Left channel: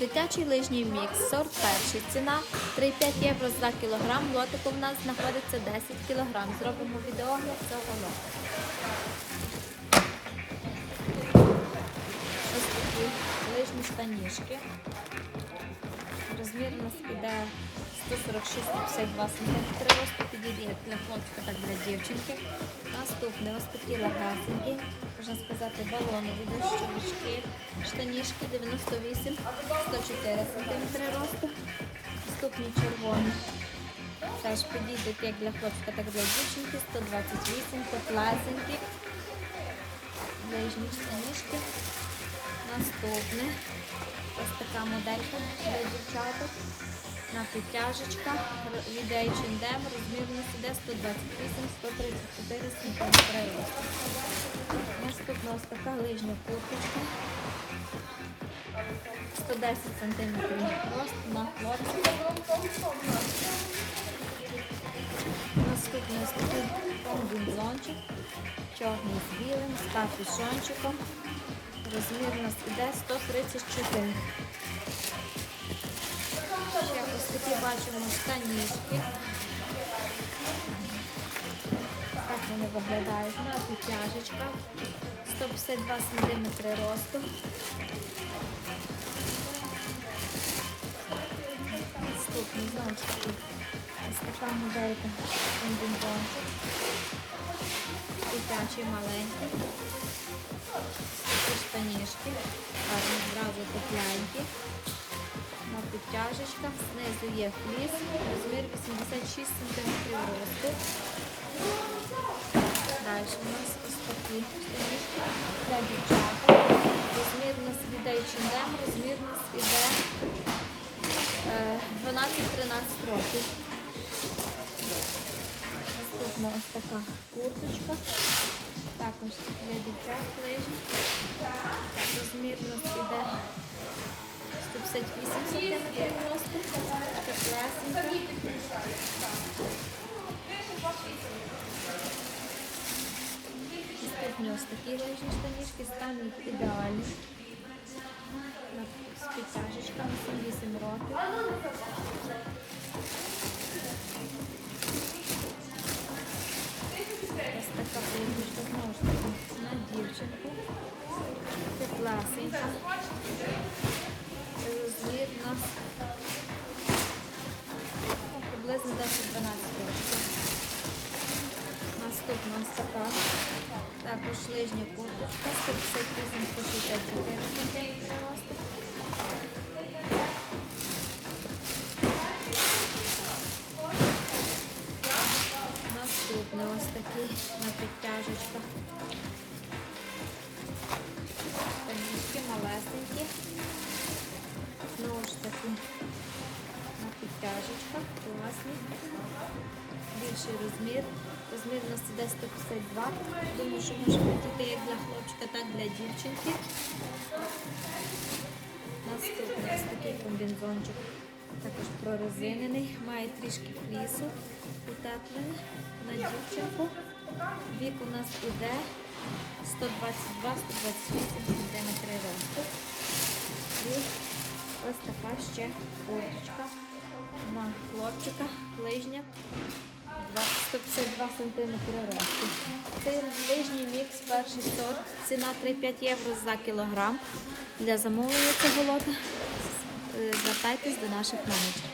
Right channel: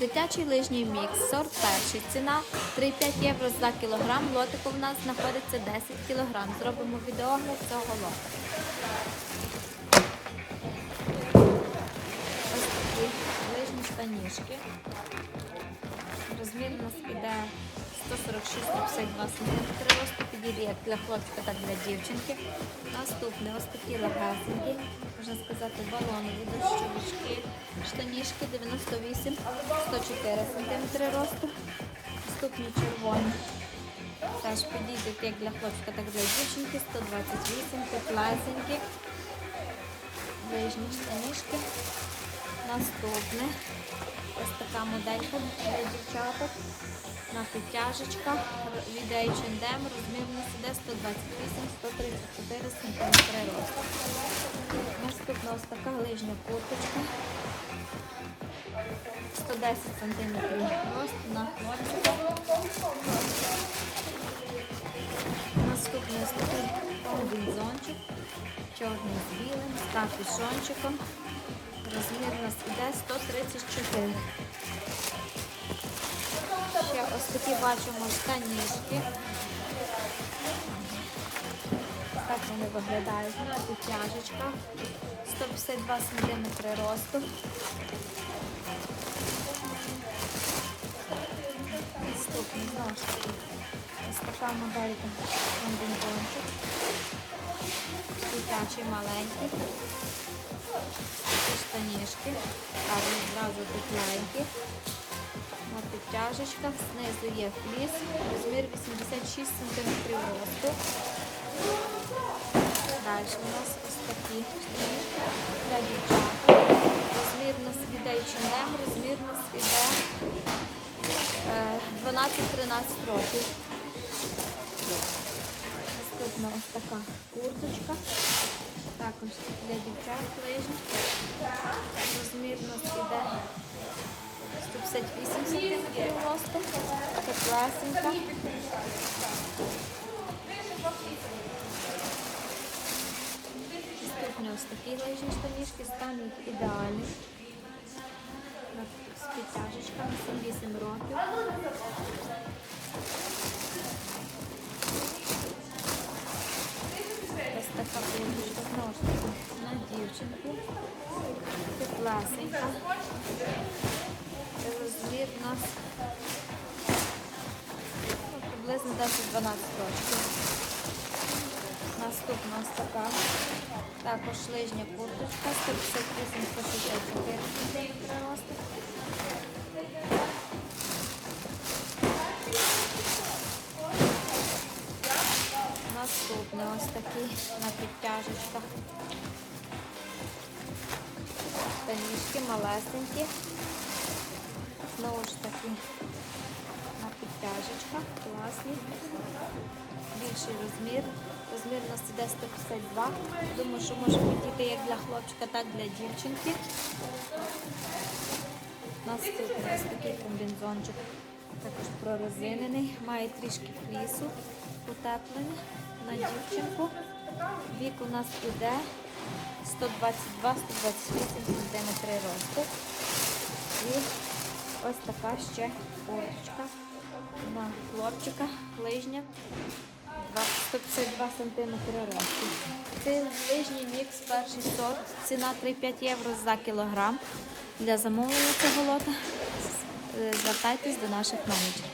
Дитячий лижній мікс, сорт перший. Ціна 3,5 євро за кілограм. Лотику в нас знаходиться 10 кілограм. Зробимо відеогляд цього лоту. Ось такі лижні штанішки. Розмір у нас іде 146-52 см росту, підійде як для хлопчика, так і для дівчинки. Наступне ось такі легесенькі, можна сказати, балонові дощовички, штанішки 98-104 см росту. Наступні червоні. Теж підійдуть як для хлопчика, так і для дівчинки, 128, теплесенькі. Ближні штанішки. Наступне ось така моделька для дівчаток на підтяжечках від H&M, розмір у нас іде 128-134 см росту. Наступна ось така лижня курточка. 110 см рост на хлопчика. Наступний ось такий комбінзончик, чорний з білим, з капюшончиком. Розмір у нас іде 134. Ось такі бачимо штанішки. Так вони виглядають на підтяжечках. 152 см росту. Наступний знову ж таки. Ось така моделька комбінзончик. Дитячий маленький. Такі штанішки. Гарні зразу тепленькі. На підтяжечках. Знизу є фліс. Розмір 86 см росту. Далі у нас ось такі штанішки для дівчаток. Розмір у нас іде H&M, розмір у нас іде е, 12-13 років. Наступна ось така курточка. Також для дівчат лижні. Розмір у нас іде 158 см росту. Теплесенька. Наступні ось такі лижні штанішки, стан їх ідеальний. З підтяжечками 7-8 років. Дівчинку. Теплесенька. Розмір у нас ну, приблизно 10-12 років. Наступна ось така. Також лижня курточка, 158-164 см росту. Наступне ось такі на підтяжечках. Таніжки. Знову ж таки на підтяжечках. Класні. Більший розмір. Розмір у нас іде 152. Думаю, що може бути як для хлопчика, так і для дівчинки. Наступний ось такий комбінзончик. Також прорезинений, має трішки флісу, утеплений на дівчинку. Вік у нас іде 122-128 см росту. І ось така ще курточка на хлопчика, лижня. 152 см росту. Це лижній мікс, перший сорт. Ціна 3-5 євро за кілограм. Для замовлення цього лота е, звертайтесь до наших менеджерів.